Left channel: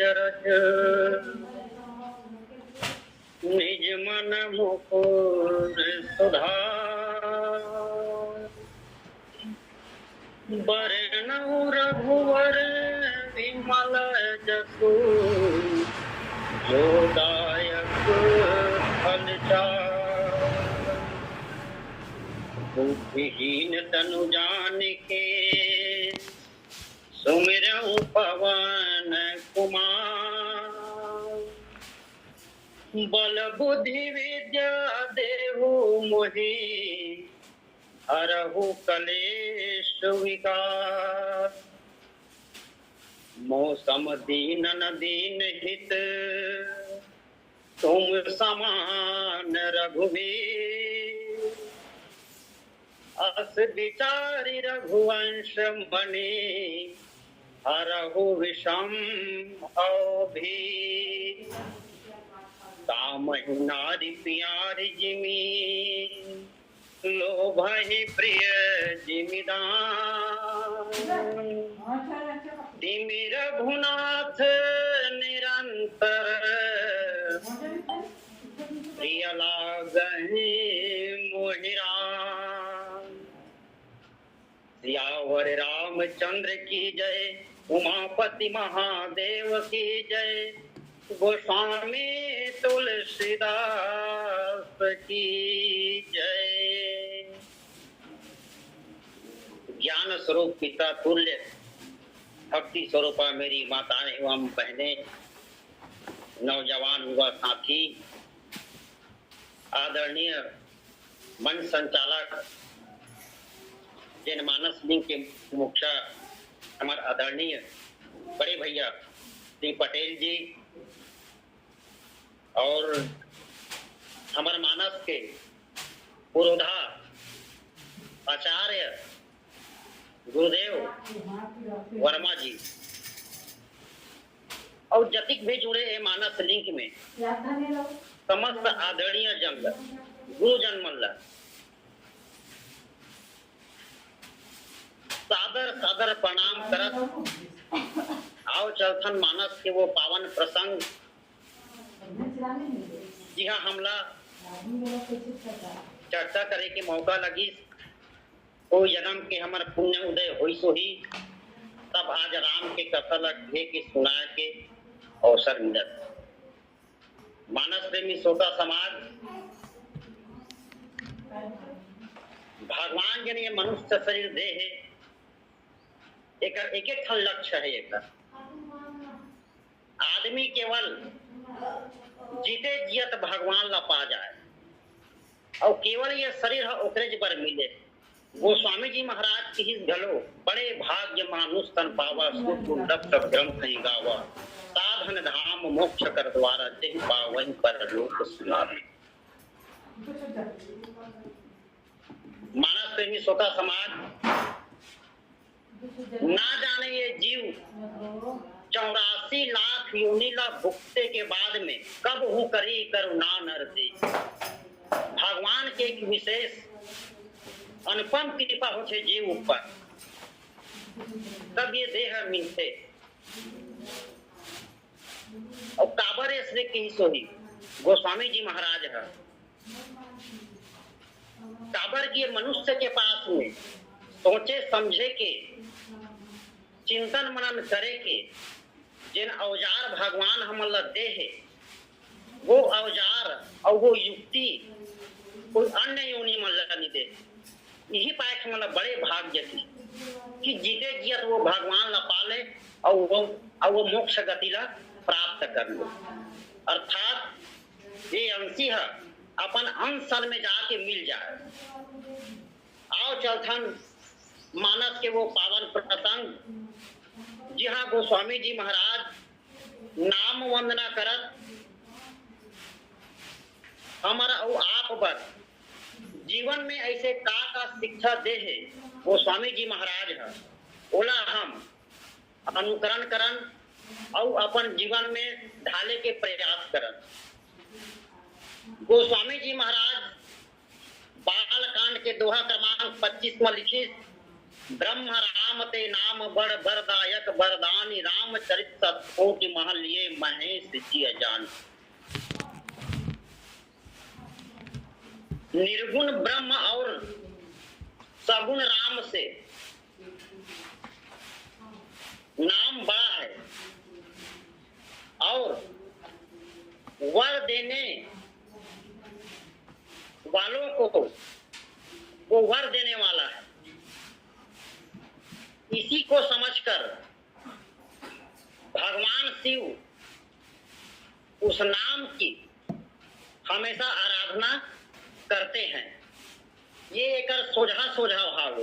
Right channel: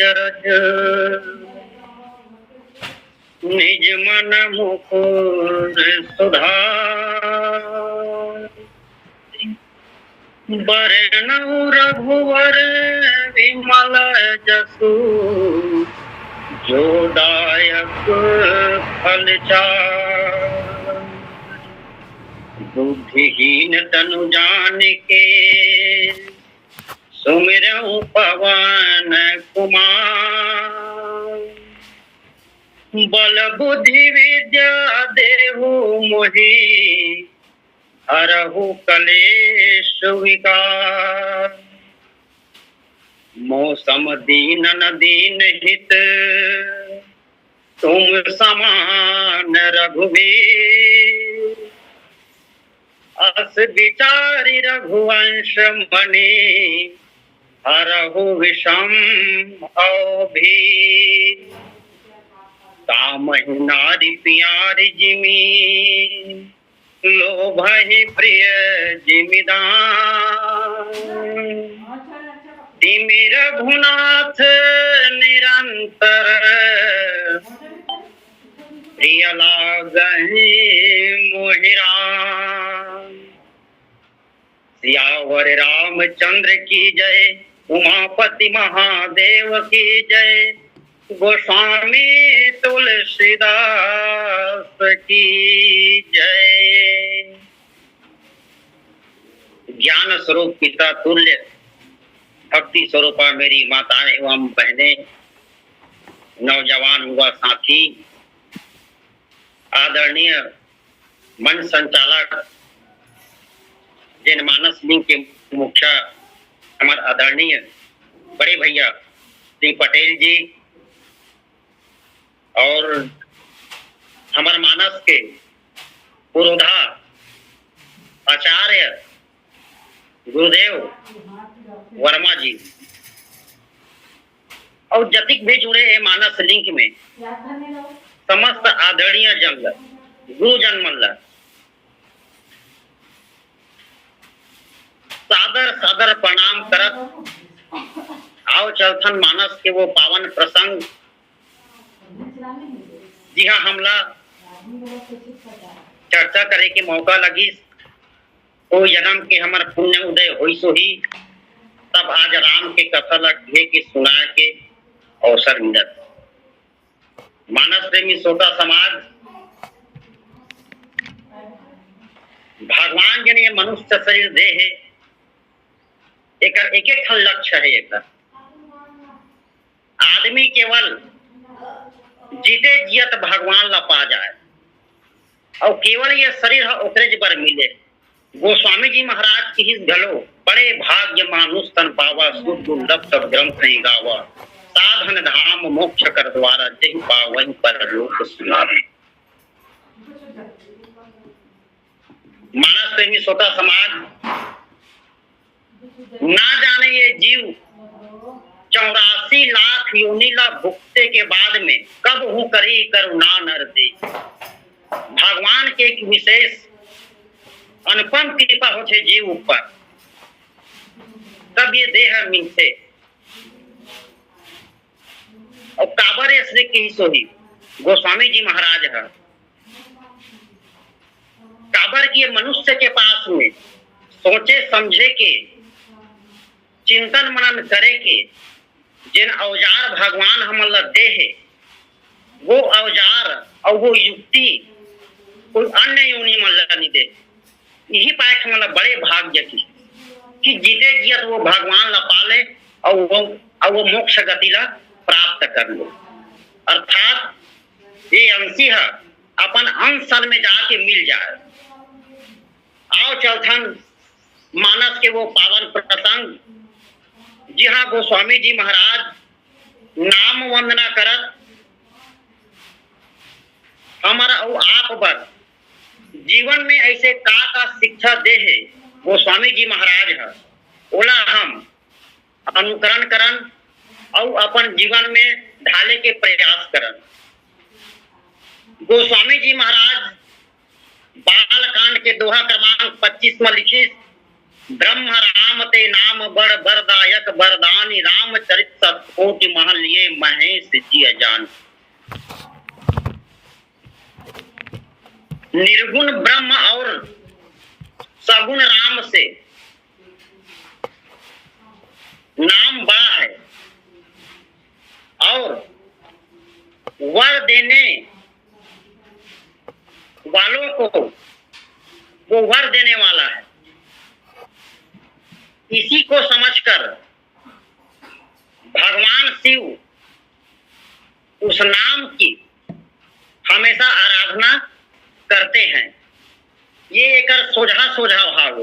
अजरज निज मन मुकुर सुधार। बरनउँ रघुवर विमल जसु जो दायक फल चार। बुद्धिहीन तनु जानिके सुमिरउँ पवन कुमार। बल बुद्धि विद्या देहु मोहि हरहु कलेश विकार। मौसम दीनन दीन हित तुम समान रघुवीर। अस विचारि रघुवंश मणि हरहु विषम भीर। कामहि नारि प्यारि जिमि लोभहि प्रिय जिमिदान। तिमि रघुनाथ निरंतर प्रिय लागहि मोहि राम। सियावर रामचंद्र की जय उमापति महादेव की जय। गोस्वामी तुलसीदास की जय। ज्ञान स्वरूप पिता तुल्य भक्ति स्वरूपा मेरी माताएं एवं बहनें, नौजवान युवा साथी, आदरणीय मंच संचालक जनमानस लिंग के मुख्य हमारे आदरणीय बड़े भैया श्री पटेल जी और हमारे मानस के पुरोधा आचार्य गुरुदेव वर्मा जी और जतिक भी जुड़े हैं मानस लिंक में समस्त आदरणीय जन गुरुजन मल्ल सादर सादर प्रणाम करत आओ चलथन मानस के वो पावन प्रसंग जी हाँ हमला चर्चा करे के मौका लगी। ओ जन्म के हमार पुण्य उदय होई सो ही तब आज राम के कथा लगे के सुना के अवसर मिलत। मानस प्रेमी श्रोता समाज भगवान जन ये मनुष्य शरीर दे है एक एक लक्ष्य है। एक आदमी केवल जीते जियत भगवान ला पा जाए और केवल ये शरीर ओकरे पर मिले। गोस्वामी जी महाराज की ही घलो बड़े भाग्य मानुष तन पावा सुख दुर्लभ सब ग्रंथ नहीं गावा। साधन धाम मोक्ष कर द्वारा जहि पावहि पर लोक सुनावे। मानस प्रेमी श्रोता समाज ना जाने ये जीव 84 लाख योनि ला भुगते के बाद में कब हूँ करी करुणा नर दे। भगवान के एक विशेष अनुपम कृपा होते जीव ऊपर तब ये देह मिलते और काबर श्री की सोही गोस्वामी जी महाराज है। काबर की मनुष्य के पास में सोचे समझे के चिंतन मनन करे के जिन औजार भगवान हमन दे है वो औजार और वो युक्ति कोई अन्य योनि मन नहीं दे। यही पाठ मतलब बड़े भाग्य की कि जीते जियत वो भगवान ला पाले और वो मोक्ष गति ला प्राप्त कर लो। अर्थात ये अंशी है अपन अंश में जाके मिल जाए। आओ चलथन मानस के वो पावन प्रसंग जी हाँ गोस्वामी जी महाराज नाम वंदना करत हमारा आप पर जीवन में ऐसे का शिक्षा दे है गोस्वामी जी महाराज है ओला हम अनुकरण करन और अपन जीवन में ढाले के प्रयास करन। गोस्वामी जी महाराज बाल कांड के दोहा क्रमांक 25 में लिखित ब्रह्म राम ते नाम बड़ बरदायक बरदानी रामचरित सतकोटि महल ये महेश जी अजान। निर्गुण ब्रह्म और सगुण राम से नाम बड़ा है और वर देने वालों को वो वर देने वाला है। इसी को समझकर भगवान शिव उस नाम की हमेशा आराधना करते हैं। ये एक सोझा सोझा भाव।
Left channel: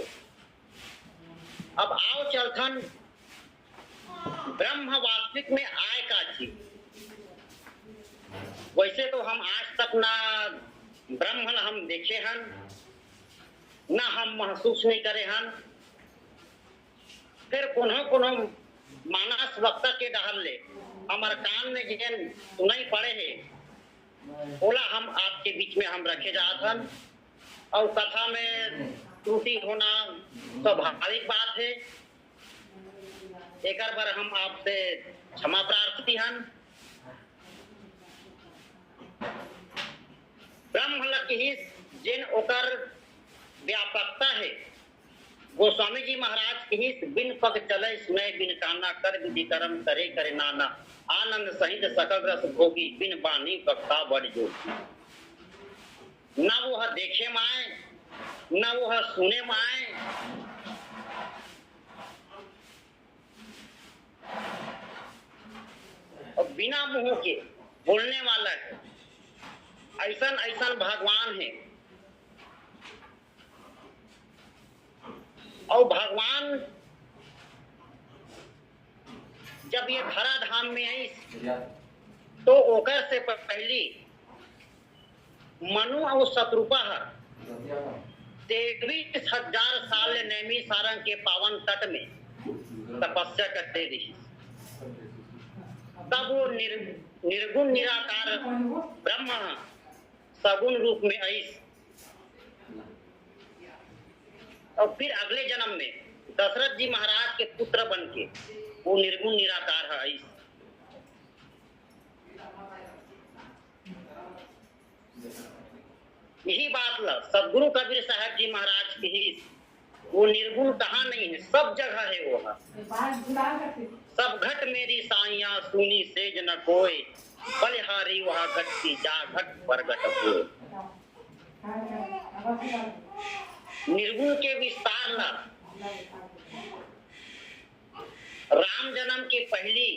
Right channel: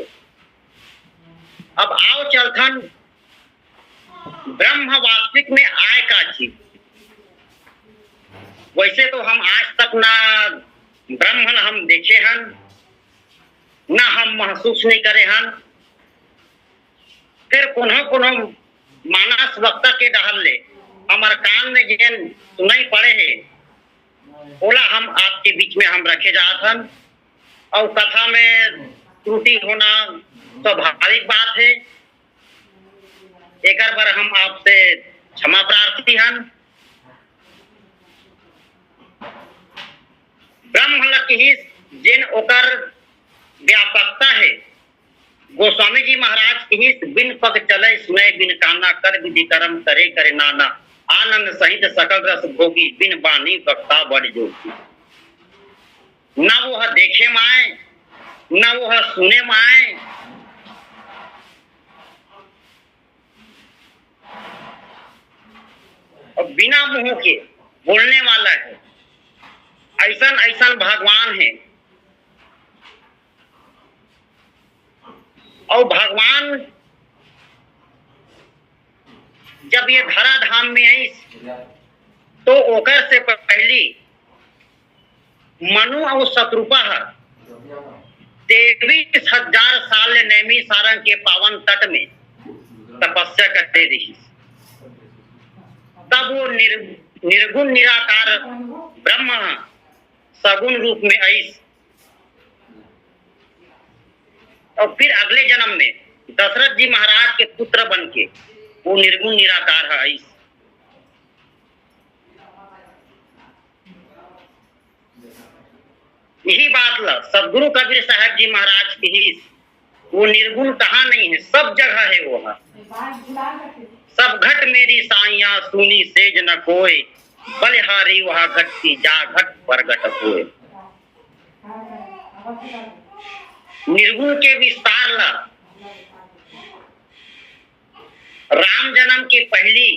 अब आओ चलथन ब्रह्म वास्तविक में आय का चीज। वैसे तो हम आज तक ना ब्रह्म हम देखे हन, ना हम महसूस नहीं करे हन। फिर पुनः मानस वक्ता के डहल ले हमार कान में जेन सुनाई पड़े है बोला हम आपके बीच में हम रखे जात हन। और कथा में त्रुटि होना स्वाभाविक बात है। एक बार हम आपसे क्षमा प्रार्थी हन। ब्रह्म लकी जिन ओकर व्यापकता है गोस्वामी जी महाराज की बिन पग चले सुने बिन काना कर विधि कर्म करे करे नाना आनंद सहित सकल रस भोगी बिन बानी वक्ता बड़ जोगी। ना वो देखे माए ना वो सुने माए। और बिना मुंह के बोलने वाला है। ऐसन ऐसन भगवान है। और भगवान जब ये धरा धाम में आई तो ओकर से पहली मनु और शत्रुपा 23,000 साल नैमी सारंग के पावन तट में तपस्या करते रही। तब वो निर्गुण निराकार ब्रह्म सगुण रूप में आई। और फिर अगले जन्म में दशरथ जी महाराज के पुत्र बन के वो निर्गुण निराकार है। यही बात ला सदगुरु कबीर साहब जी महाराज की वो निर्गुण कहाँ नहीं है, सब जगह है वो। सब घट मेरी साइया सुनी सेज न कोई बलिहारी वहाँ घट की जा घट पर घट होए। निर्गुण के विस्तार ला राम जन्म के पहली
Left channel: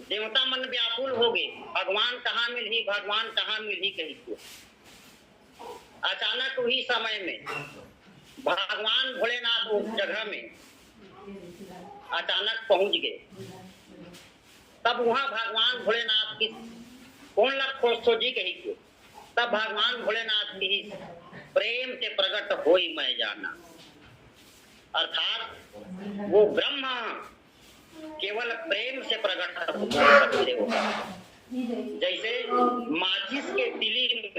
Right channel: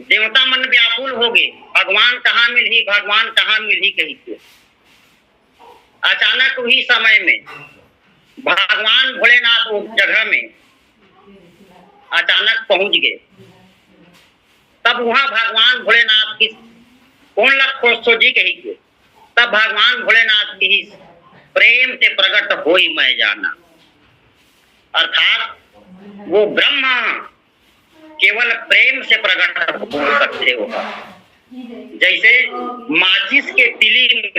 देवता मन व्याकुल हो गए। भगवान कहाँ मिली भगवान कहाँ मिली कही थे। अचानक वही समय में भगवान भोलेनाथ उस जगह में अचानक पहुंच गए। तब वहां भगवान भोलेनाथ की कौन लख जी कही थे। तब भगवान भोलेनाथ की प्रेम से प्रकट होई मैं जाना। अर्थात वो ब्रह्म केवल प्रेम से प्रकट हो सकते हो। जैसे माचिस के तिली में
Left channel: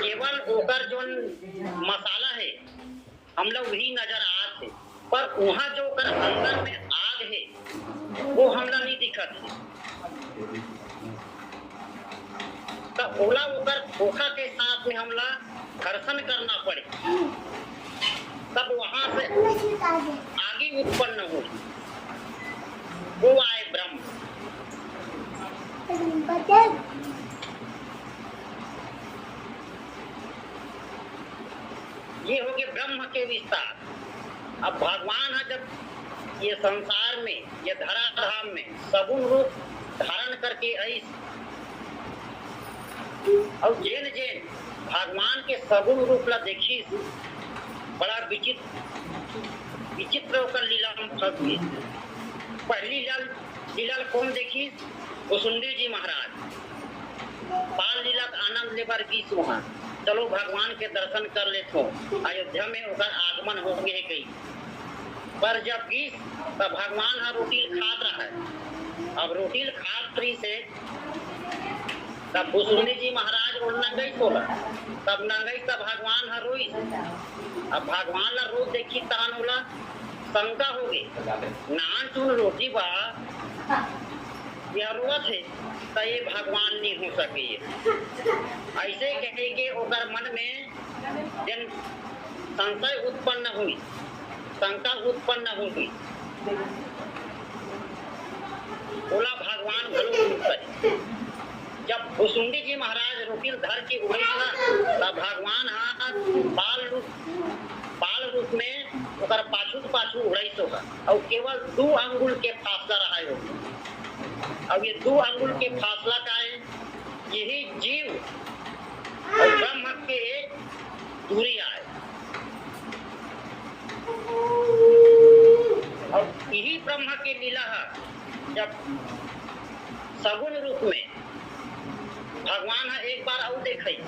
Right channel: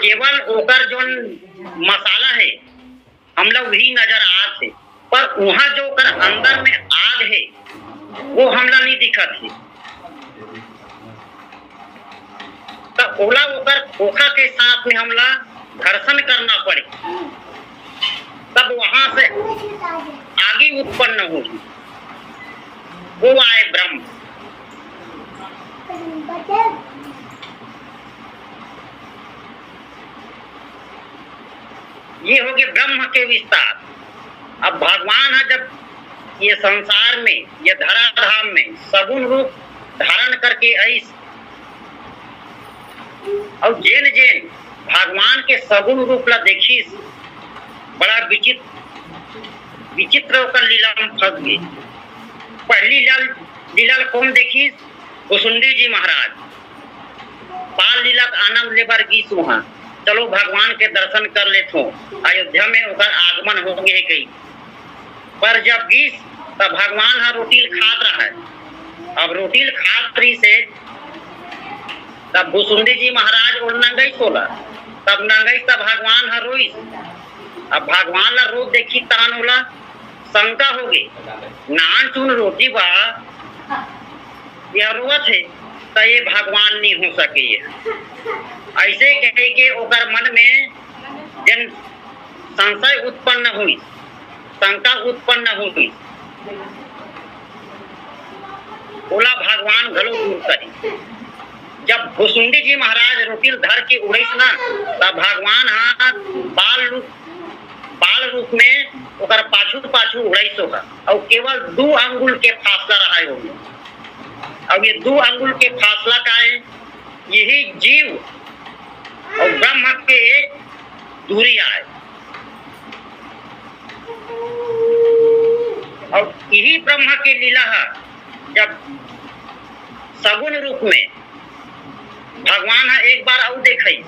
केवल ओकर जो मसाला है हम लोग भी नजर आते, पर वहाँ जो कर अंदर में आग है वो हमला नहीं दिखत है। तो ओला ओकर खोखा के साथ में हमला घर्षण करना पड़े तब वहां से आगे उत्पन्न हो वो आए ब्रह्म। ये हो गए ब्रह्म के विस्तार। अब भगवान है जब ये संसार में ये धराधाम में सगुण रूप धारण करके आई। और जेन जेन भगवान के सगुण रूप ला देखी बड़ा विचित्र होकर लीला में फंस गई। पहली लीला कौन देखी कुसुंडी जी महाराज बाल लीला आनंद लेबर गीस वहां चलो भगवान के दर्शन कर लेते हो। अयोध्या में उनका आगमन हो गए कई पर जब गीस तब भगवान हा रोटी खात रहा है। अब रोटी खात्री से तब भुसुंडी जी महाराज और नंगई सोला तब नंगई तब भगवान हा रोई अब भगवान ला रोज देखी तान होला शंका हो गई नान चुन रोटी बा यह रोवत है तो ये भगवान नहीं हो सके। ऐसे कहे के ओकर मन में जन संशय उत्पन्न हुई, शंका उत्पन्न हुई, बोला भगवान घलो दूर करी। जब भुसुंडी जी महाराज रोटिल धर के उड़ीस ना तब भगवान बाल रूप में ओकर पाछू पाछू उड़ीस होगा और केवल 2 अंगुल के फासला रहा होगा। अब ये 2 अंगुल के फासला का है, यही जीव और ब्रह्म के एक दूरी आए और यही ब्रह्म के लीला है। जब सगुन रूप में भगवान है एक बार और देखई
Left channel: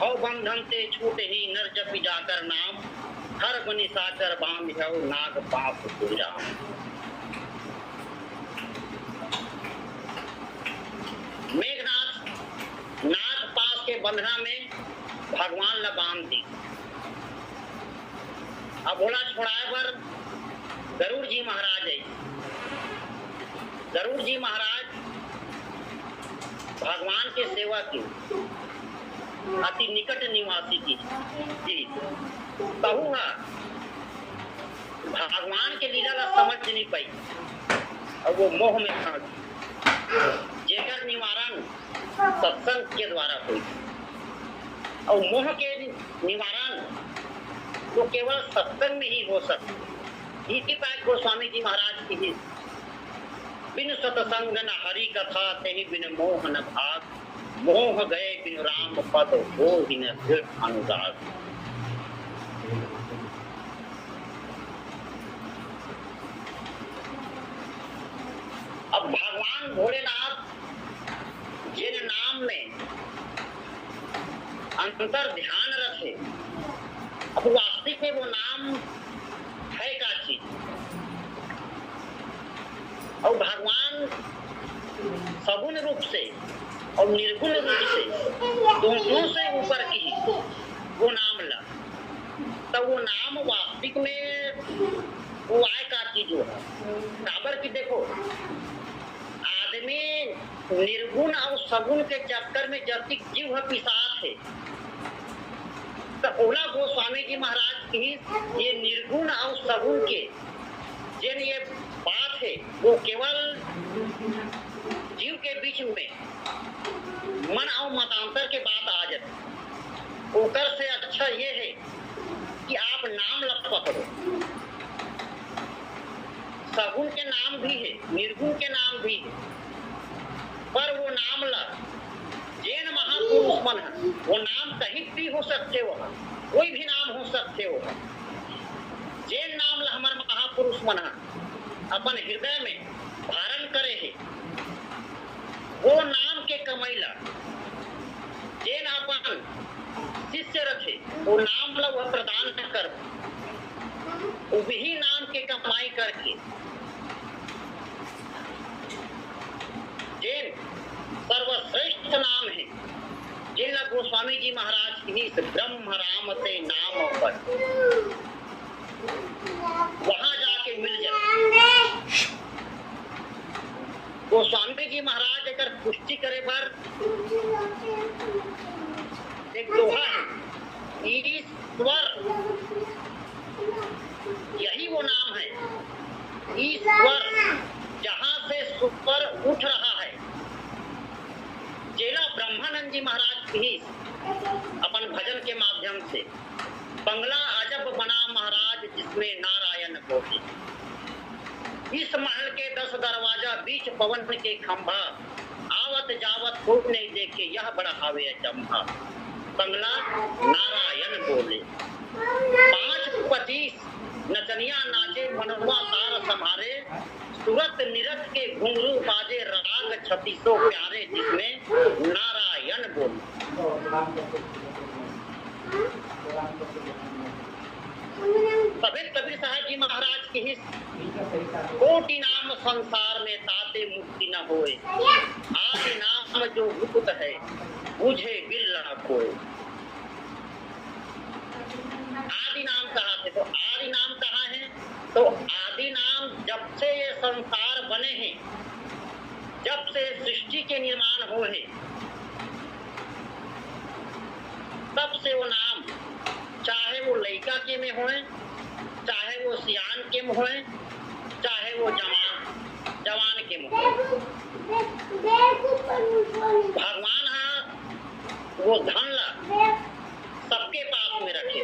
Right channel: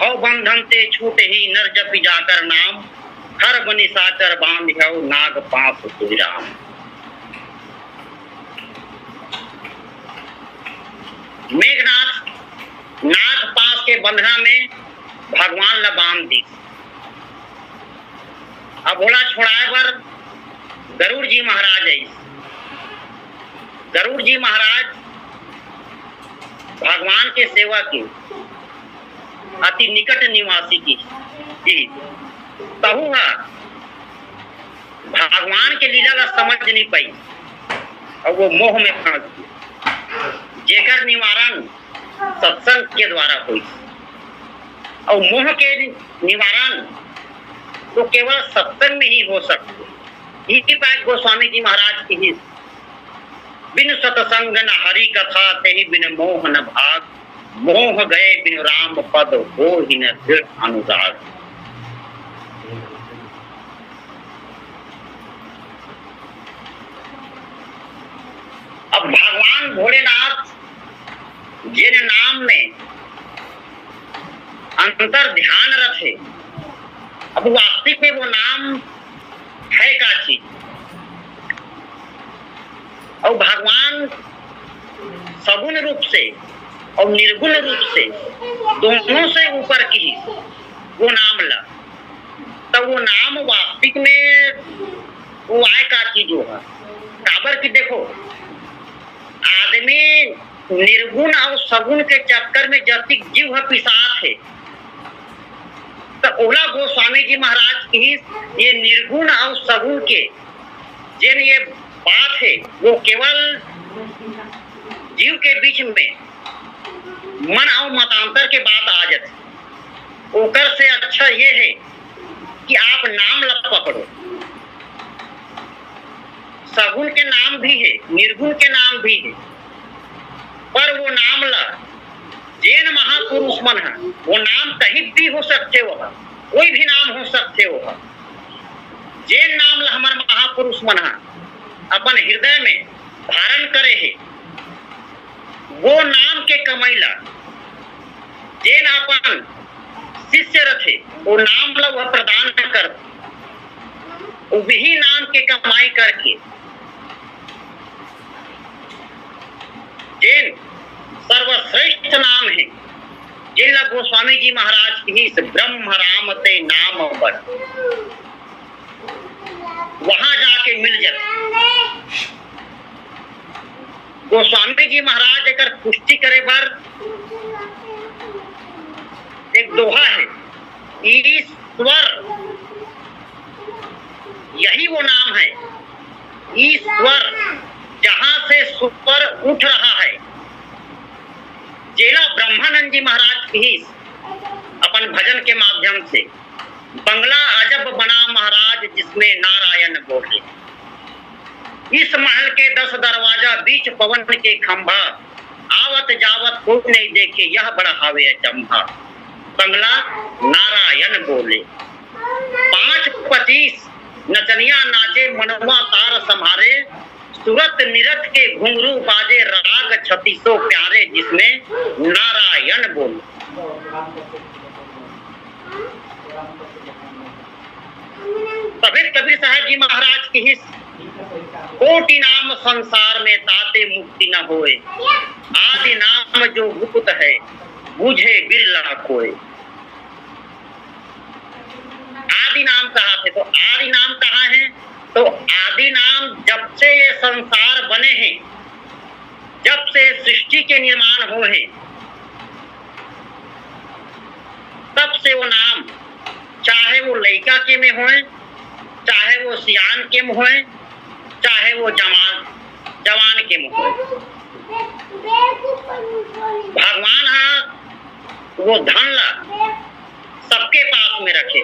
हौ बंधन से छूट ही नर जपि जाकर नाम हर बनि साचर बांध हौ नाग पाप तुराम। मेघनाथ नाग पास के बंधना में भगवान ला बांध दी। अब बोला छोड़ाए पर गरुड़ जी महाराज आई। गरुड़ जी महाराज भगवान के सेवा की अति निकट निवासी की जी कहू है भगवान के लीला ला समझ नहीं पाई और वो मोह में फंस गई, जेकर निवारण सत्संग के द्वारा हुई और मोह के निवारण तो केवल सत्संग में ही हो सकते। इसी पाए गोस्वामी जी महाराज की बिन सतसंग न हरि कथा तेहि बिन मोह न भाग, मोह गए बिन राम पद हो ही न फिर अनुराग। अब भगवान भोलेनाथ जिन नाम में अंतर ध्यान रखे, अब वास्तविक में वो नाम है का चीज और भगवान सगुण रूप से और निर्गुण रूप से दोनों से ऊपर की वो नाम ला तो वो नाम वास्तविक में वो आय का चीज होगा। काबर की देखो आदमी निर्गुण और सगुण के चक्कर में जब तक जीव है पिशाच है तो ओला गोस्वामी जी महाराज की ये निर्गुण और सगुण के जिन ये बात है वो केवल जीव के बीच में मन और मतांतर के बात आ जाती। ओकर से अच्छा ये है कि आप नाम ला पकड़ो। सगुण के नाम भी है, निर्गुण के नाम भी है, पर वो नाम ला जैन महापुरुष मन है वो नाम कहीं भी हो सकते हो, कोई भी नाम हो सकते हो। जैन नाम ला हमारे महापुरुष मन है अपन हृदय में धारण करे है, वो नाम के कमैला जैन अपन शिष्य रथे वो नाम ला वह प्रदान कर वही नाम के कमाई करके जैन सर्वश्रेष्ठ नाम है जिला गोस्वामी जी महाराज की ब्रह्म राम ते नाम पर वहां जाके मिल जाए। गोस्वामी जी महाराज अगर पुष्टि करे पर एक दोहा है, ईश्वर यही वो नाम है, ईश्वर जहां से सुपर उठ रहा है। जेला ब्रह्मानंद जी महाराज भी अपन भजन के माध्यम से बंगला अजब बना महाराज जिसमें नारायण बोले। इस महल के 10 दरवाजा बीच पवन के खंभा आवत जावत कोई नहीं देखे यह बड़ा हावे अचंभा। बंगला नारायण बोले 5-25 नचनिया नाचे मनवा तार संभारे सूरत निरत के घुंघरू बाजे राग 3600 प्यारे जिसमें नारायण बोले। कबीर साहब जी महाराज की कोटि नाम संसार में ताते मुक्ति न होए, आदि नाम जो गुप्त है बुझे बिरला कोई। आदि नाम कहा थे, तो आदि नाम कहाँ है? तो आदि नाम जब से ये संसार बने हैं, जब से सृष्टि के निर्माण हुए हैं, तब से वो नाम, चाहे वो लड़का के में होए, चाहे वो सियान के में होए, चाहे वो जवान के में होए, भगवान हाँ वो धन ला सबके पास में रखे।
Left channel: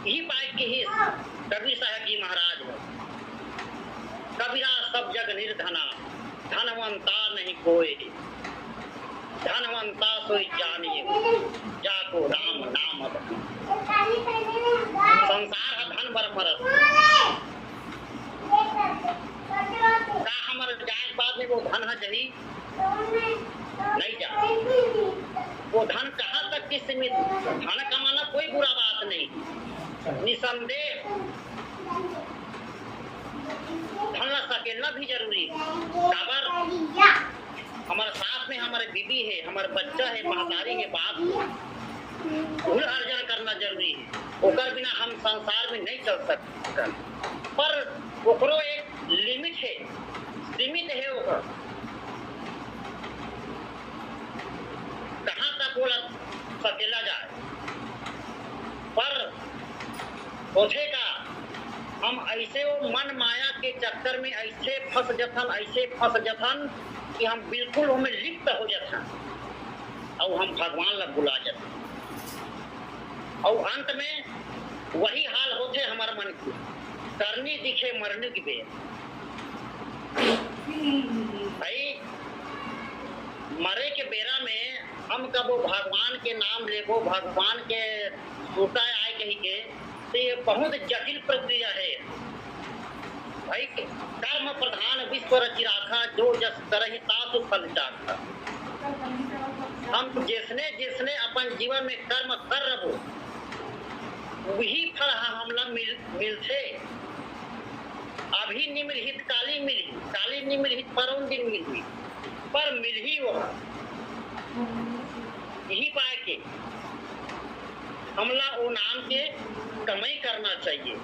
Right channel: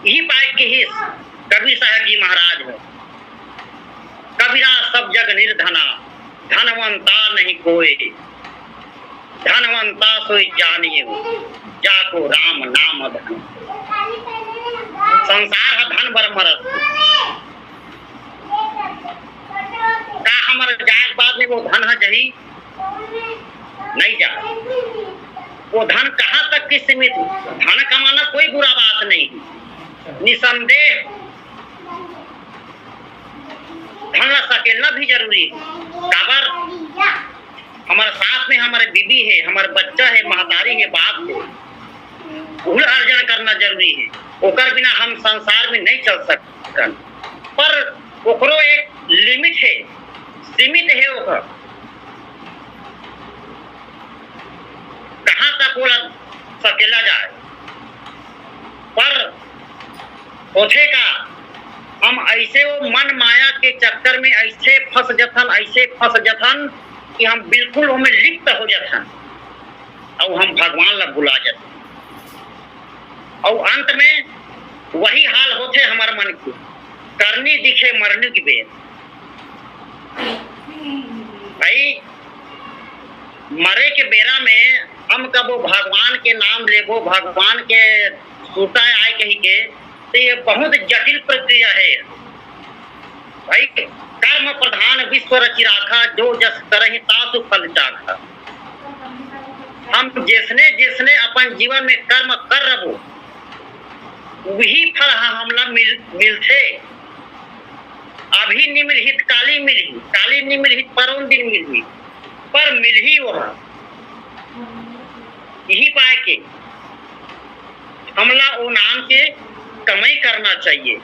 यही बात की ही कबीर साहब जी महाराज है, कबीरा सब जग निर्धना, धनवंता नहीं कोई, धनवंता सोई जानिए जाको राम नाम धन। संसार है धन बर मरत, का हमारे जाग बाद में वो धन है जही नहीं जा, वो धन कहाँ तक की सीमित। धन कमाना कोई बुरा बात नहीं, निसंदेह धन सकेलना भी जरूरी है। काबर हमारे साथ में हमारे बीबी है, हमारे बच्चा है, महतारी है, बाप है, उल अर्जन करना जरूरी है। ओकर बिना हम संसार में नहीं चल सकते, पर ओकरो एक लिमिट है, सीमित है। ओकर कहाँ तक बोला सकेला जाए, पर होथे का हम ऐसे वो मन माया के चक्कर में ऐसे फंस जथन कि हम बिल्कुल हमें लिप्त हो जाथन और हम भगवान ला बुला जाते, और अंत में वही हाल होते हमारे मन की, करनी दिखे मरने की बेर। भाई मरे के बेरा में हम कबो भगवान के नाम लेबो, भगवान के सूता आए कही के, तो ये बहुत जटिल प्रक्रिया है भाई। कर्म प्रधान विश्व रचि राखा, जो जस करहि तासु फल चाखा। हम जिसने जिसने अपन जीवन में कर्म कर रहो वही फल हमला मिलथे। अभी निम्नलिखित काली मिलही, काली निम्नलिखित परम दिन मिलही, पर मिलही वह यही पाए के हमला वो नाम के कमाई करना चाहिए।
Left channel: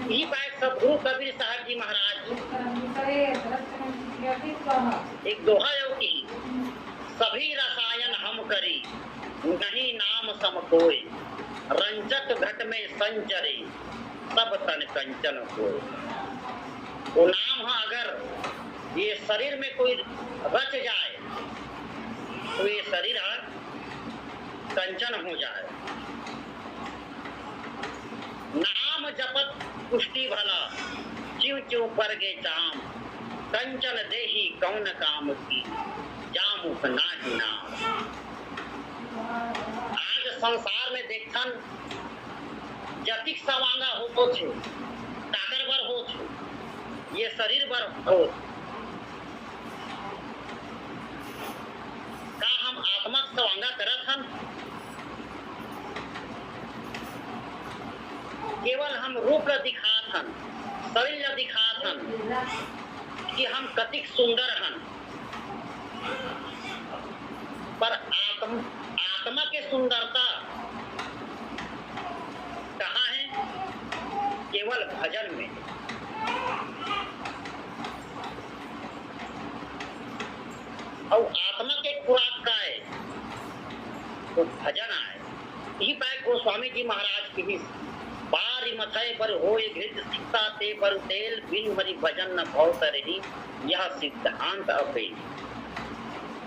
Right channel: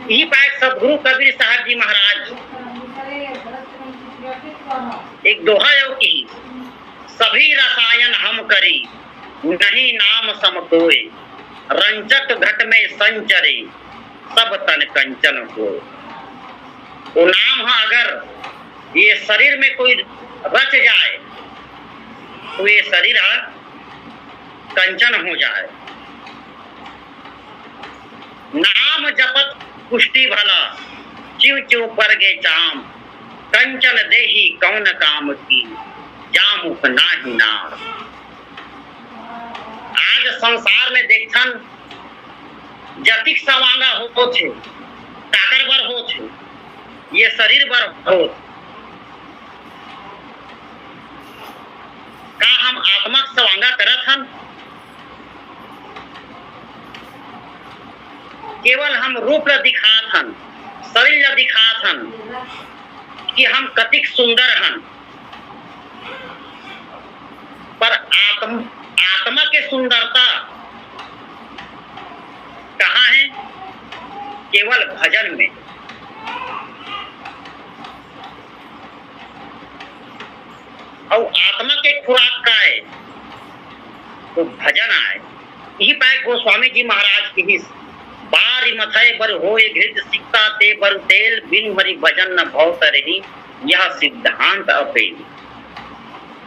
यही पाए सदगुरु कबीर साहब जी महाराज एक दोहा जो की, सभी रसायन हम करी नहीं नाम सम कोय, रंजक घट में संचरे सब तन कंचन हो। वो नाम है अगर ये शरीर में कोई रच जाए तो ये शरीर कंचन हो जाए। नाम जपत पुष्टि भला, चिव चिव पर गे चाम, कंचन देही कौन काम की, जामुख नाही नाम। आज संसार में देखन जतिक सवांगा हो छे, ताकर बर हो छे, ये शरीर बर हो, का हम आत्मा सवांगा करत हन? केवल हम रूप ला दिखात हन, शरीर ला दिखात हन कि हम कतिक सुंदर हन, पर आत्मा के सुंदरता कहाँ है? केवल भजन में। और आत्मा के खुराक का है तो भजन आए। यही पाए गोस्वामी जी महाराज की ही, बारी मथय बर होए घृत सिक्ता ते बर तेल, बिन मरी भजन न भव तरही, यह सिद्धांत अपेल।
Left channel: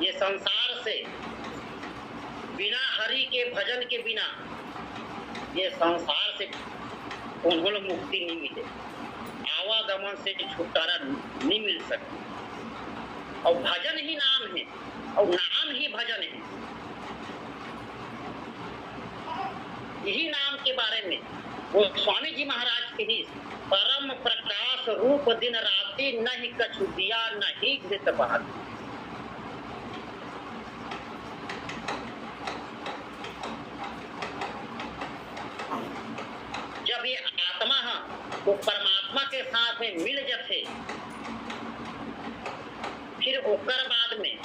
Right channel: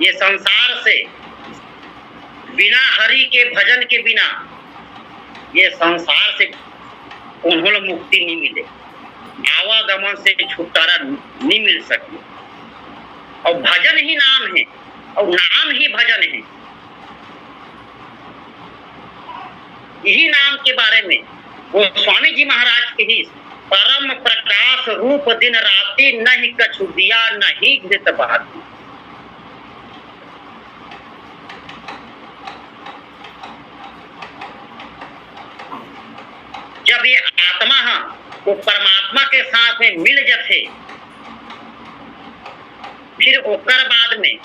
ये संसार से बिना हरि के भजन के बिना ये संसार से उन्होंने मुक्ति नहीं मिले, आवागमन से छुटकारा नहीं मिल सकती। और भजन ही नाम है और नाम ही भजन है। यही नाम के बारे में वो स्वामी जी महाराज के ही, परम प्रकाश रूप दिन राति, नहीं कछु दिया नहीं घृत बहाती। जब ये आत्मा वो परमात्मा के साथ में मिल जाते, फिर ओकर बाद में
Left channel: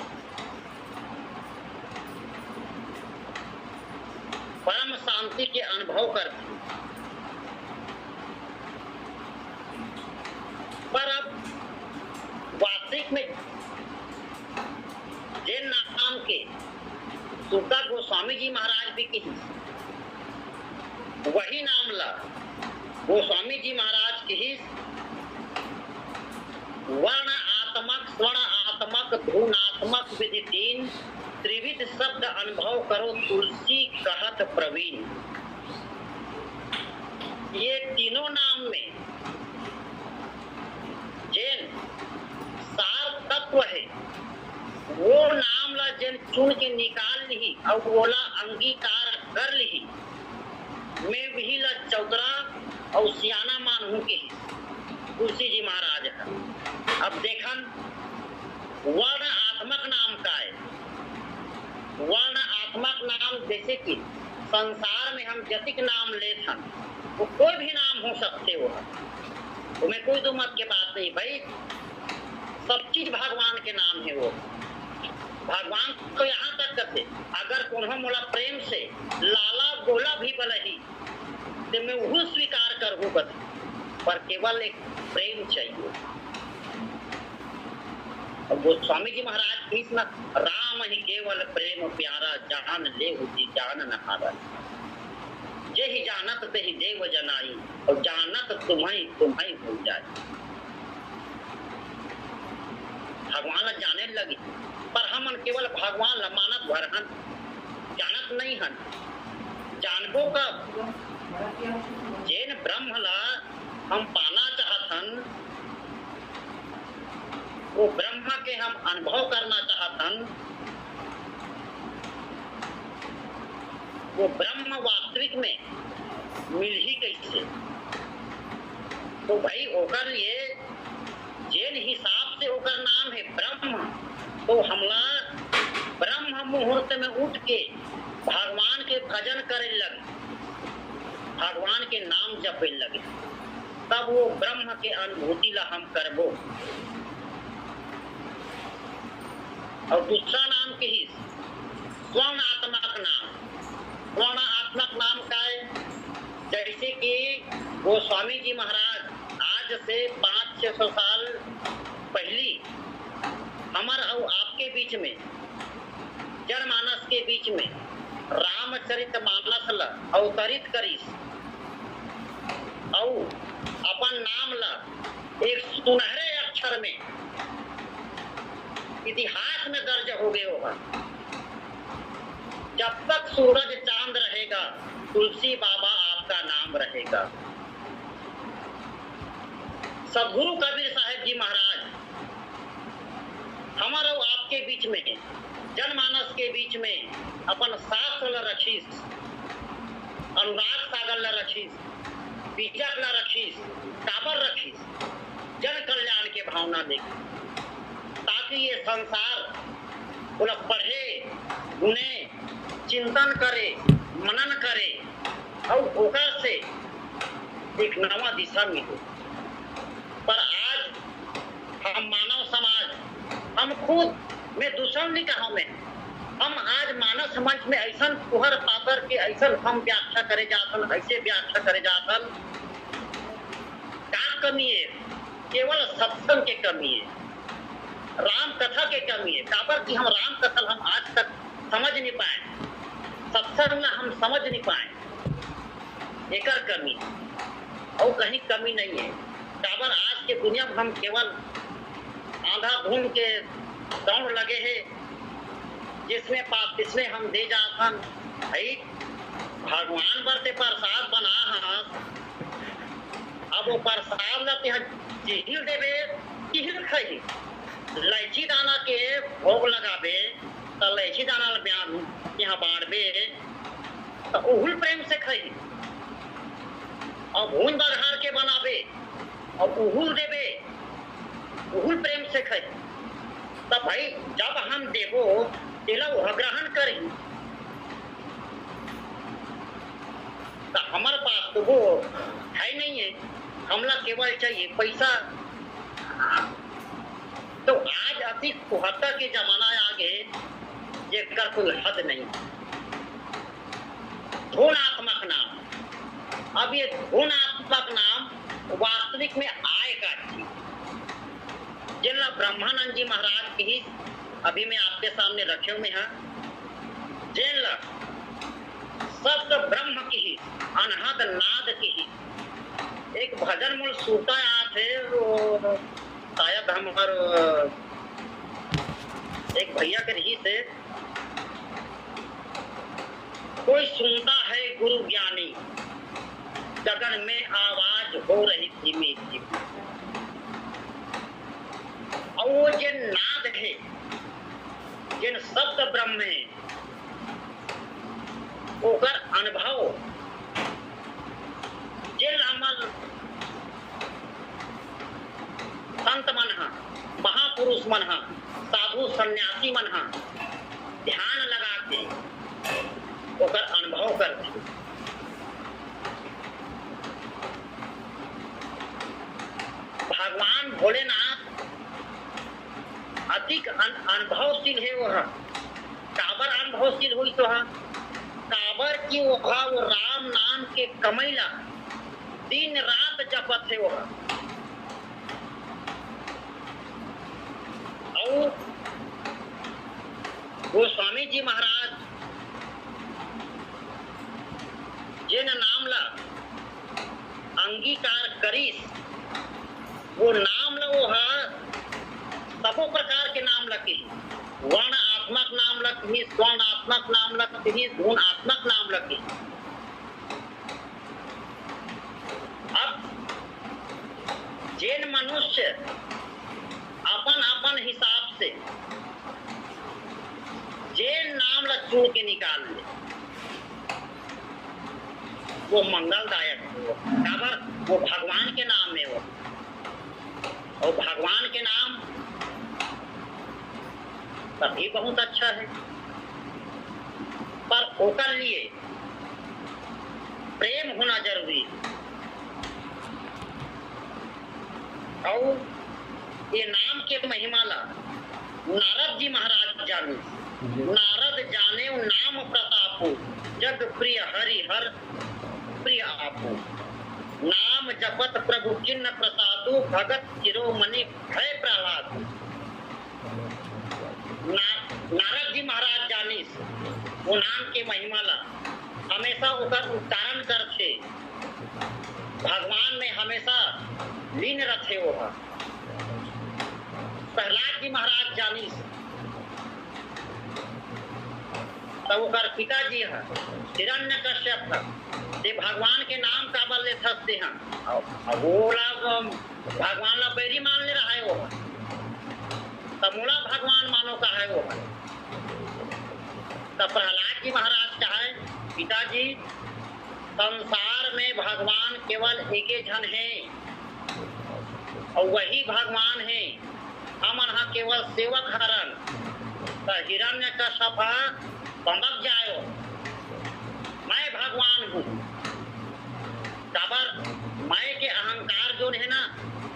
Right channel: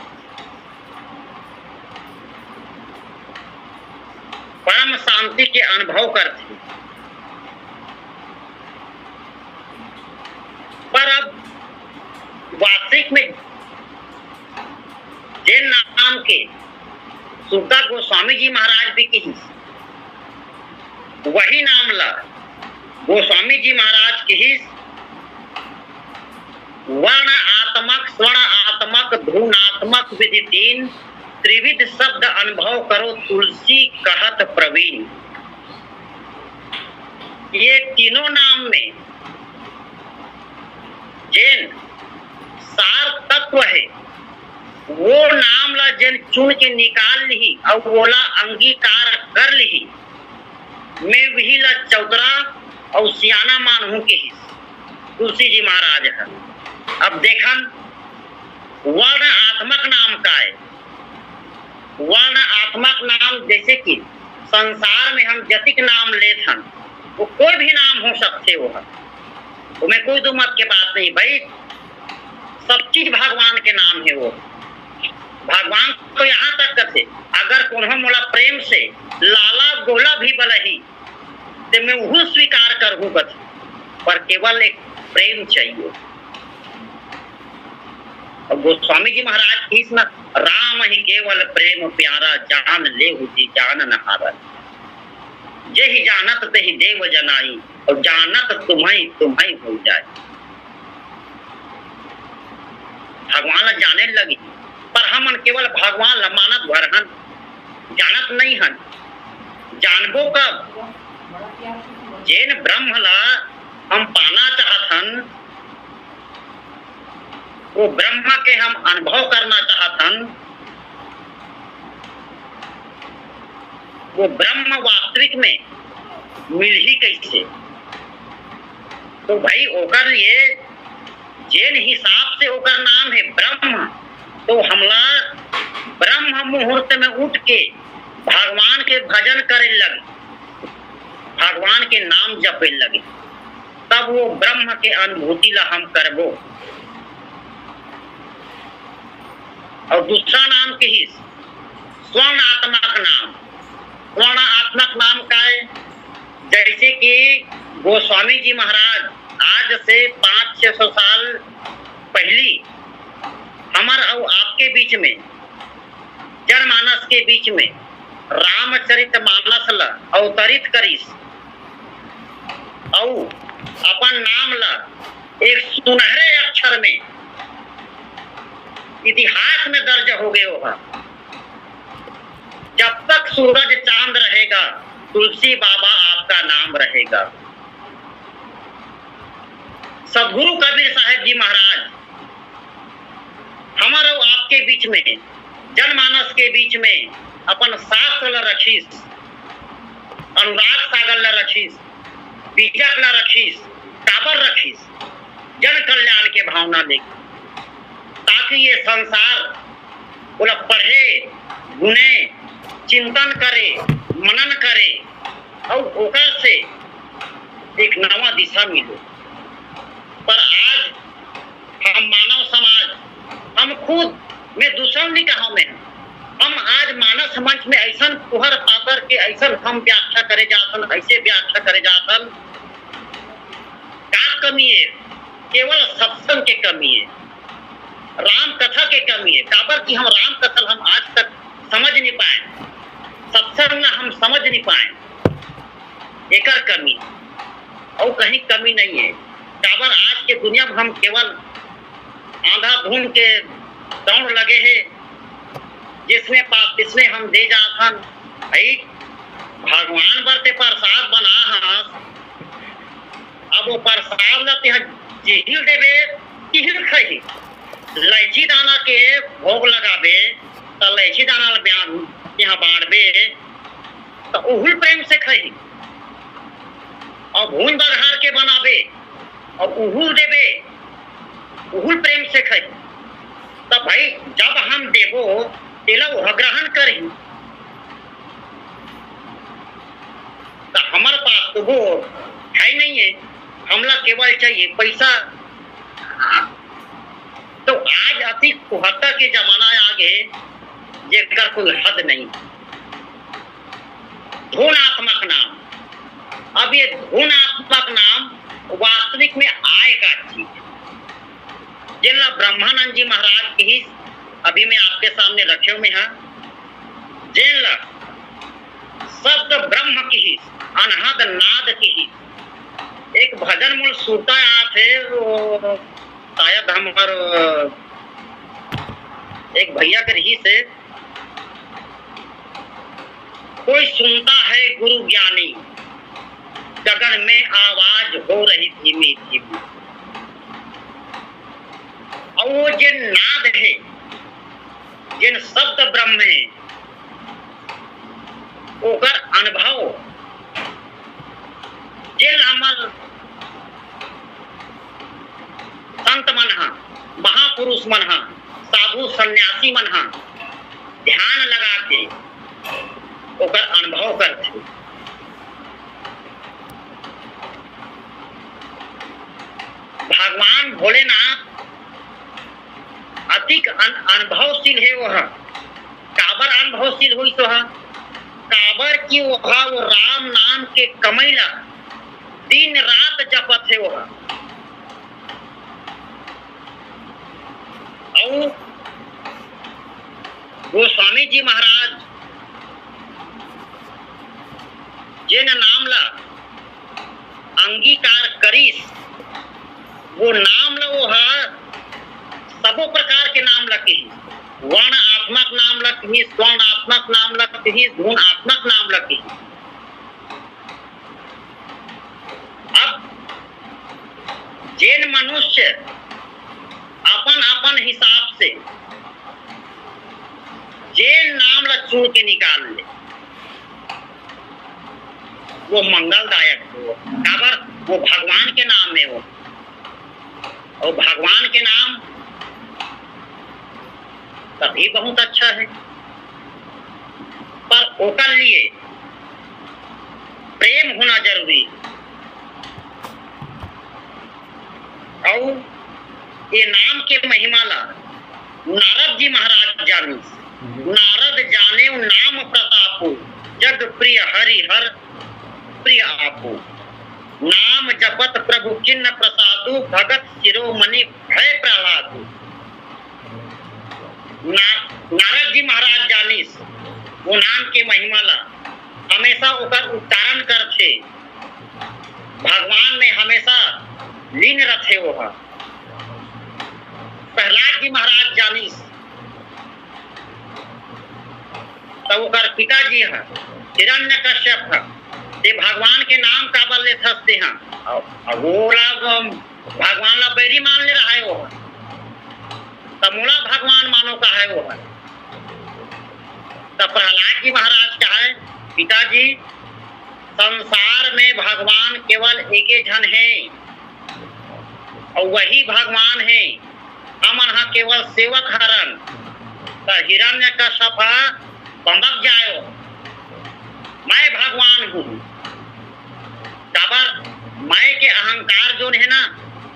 परम शांति के अनुभव करते हैं। पर अब वास्तविक में जैन नाम के सुखदास गोस्वामी जी महाराज भी कहीं वही नाम ला गोस्वामी जी महाराज के ही वर्ण आत्मक स्वर्ण आत्मक धुनात्मक विधि तीन त्रिविध शब्द अनुभव करो तुलसी कहत प्रवीण। ये तीनों नाम में जैन सार तत्व है, वो नाम ला जैन चुन के निकाल ली और बोला अंगीकार कर ली। मैं वही ला चौतरा और सियाना मान हूं के ही तुलसी जी महाराज है। अब देखन वर्ण आत्मक नाम का है। वर्ण आत्मक नाम जैसे कि संसार में हम जतिक नाम लेत हन, वो कोई भी नाम हो सकते हो, तुम्हें कोई दो मत के बात नहीं भाई, सब चीज भगवान के नाम है। वो भगवान तो यहाँ तक कथे अगर कोनो मोला प्रेम से लाला गोला भी बलही तो मैं वो स्वीकार करूँ कथे, पर केवल एक प्रेम चाहिए। और गोस्वामी जी महाराज की इसमें राम ही केवल प्रेम प्यारा जान ले जी जान नहारा। जे ही जानत ते ही देव जनाई और जानत तुम्हें तुम्हें हो जाए। भगवान जाने लगी पर हम केवल भगवान मानत भर हन, जानत नहीं हन। जानबो कब जैन ब्रह्म ला हम पाना चाहत हन, वो ब्रह्म के हम अनुभव करना चाहत हन। वो ब्रह्म वास्तविक में मिल ही कैसे, तो भाई ओकर ये जैन हिसाब से ओकर नाम है ब्रह्म। तो हमला ब्रह्म मुहूर्त में उठ के भगवान के भजन करे लगे, भगवान के नाम जपे लगे, तब वो ब्रह्म के अनुभूति ला हम करबो। और दूसरा नाम के ही स्वर्णात्मक नाम। स्वर्णात्मक नाम का है जैसे कि गोस्वामी जी महाराज आज से 500-600 साल पहली हमार और आपके बीच में जनमानस के बीच में रामचरितमानस ला अवतरित करीस और अपन नाम ला एक सुनहरे अक्षर में इतिहास में दर्ज हो गए होगा। जब तक सूरज चांद रहेगा तुलसी बाबा आपका नाम रहेगा। सदगुरु कबीर साहब जी महाराज हमारे आपके बीच में जनमानस के बीच में अपन शास्त्र ला रखीस, अनुराग सागर ला रखीस, बीजक ला रखीस, काबर रखीस, जन कल्याण के भावना लेके, ताकि ये संसार बोला पढ़े गुने चिंतन करे मनन करे और ओकर से एक नवा दिशा मिले। पर आज हम मानव समाज, हम खुद में दूसरा नहीं कहा मैं, हम आज मानव मंच में ऐसा पुहर पाकर के ऐसा हम व्याख्या करे जातन, ऐसे व्याख्या करे जातन। का कमी है? केवल सत्संग के कमी है, राम कथा के कमी है। काबर की हम राम कथा हम आज तक समझ नहीं पाए, सत्संग हम समझ नहीं पाए, एकर कमी और कहीं कमी नहीं है। काबर आज के दुनिया में हम केवल आंधाधुन के दौड़ लगे हैं, जिसमें पाप इसमें हम दे जाथन। भगवान बरते प्रसाद बना हाँ, अब वो प्रसाद लाते हैं जिहिल देवे तिहिल खाई। इलायची दाना के भोग लगाबे तो इलायची दाना यहाँ बाढ़बे तो उहुल प्रेम से खाई, और भून बघार के बनाबे और उहुल देवे उहुल प्रेम से खाई। तो भाई जब हम देवो तेला वह ग्रहण करी, तो हमारे पास तो वो है नहीं है, हमला केवल चाहिए पैसा। तो आज अति कुहत्ता के जमाना आगे जेकर कोई हद नहीं। धुनात्मक नाम। अब ये धुनात्मक नाम वास्तविक में आय का चीज जिला ब्रह्मानंद जी महाराज की ही अभी मैं आपके सामने रखे हुए हैं। जिला शब्द ब्रह्म की ही अनहद नाद की ही एक भजन मूल सूता आप है, वो शायद हमारे एक भैया के रही से कोई सुनता है गुरु ज्ञानी, गगन में आवाज हो रही धीमी धीमी। और वो जिन नाद है, जिन शब्द ब्रह्म है, ओकर अनुभव जिन हमर संत मन हा, महापुरुष मन हा, साधु सन्यासी मन हा ध्यान लगा के ओकर अनुभव करते। भगवान भोलेनाथ अधिक अनुभवशील है। वह काबर अनुभवशील हुई तो है काबर की वह वो राम नाम के कमैला दिन रात जपत है। वह और गोस्वामी जी महाराज जिन नाम ला अंगीकार करीस, वो नाम ला वो है सबो प्रकार के नाम लकी, वर्णात्मक नाम लकी, स्वर्णात्मक नाम लकी, गुणात्मक नाम लकी। अब जिन मनुष्य अपन अपन हिसाब से जिन नाम ला चुन के निकाल ले, वो मंगलदायक हो। काबर वो भगवान के नाम है। वो और भगवान के नाम तभी बहुत अच्छा है, पर ओकर लिए प्रेम होना जरूरी है। और ये नाम के महिमा ला नारद जी महाराज जानी। नारद जाने नाम प्रतापो, जग प्रिय हरि हर प्रिय आपो। नाम जपत प्रभु किन्न प्रसादु, भगत शिरोमणि भय प्रहलादु। नारद जी महाराज जानिस वो नाम के महिमा ला हमेशा ओकर उच्चारण करथे, भगवान में हमेशा लीन रथे। वो प्रहलाद जी महाराज जानिस तो ओकर पिताजी है हिरण्यकश्यप है, ते भगवान के नाम का बल लेते हैं। अब वो लोग भगवान ला बैरी मान ले रहा है। वो तमोला भगवान मानो का है। वो है तो प्रहलाद जी महाराज का है पिताजी, संसार में भगवान केवल एक ही जन है और वही भगवान है। हम यहाँ केवल सेवक हरन। तो हिरण्यकश्यप बंबक जाओ, मैं भगवान हूँ। काबर मैं के अहंकार जो है ना,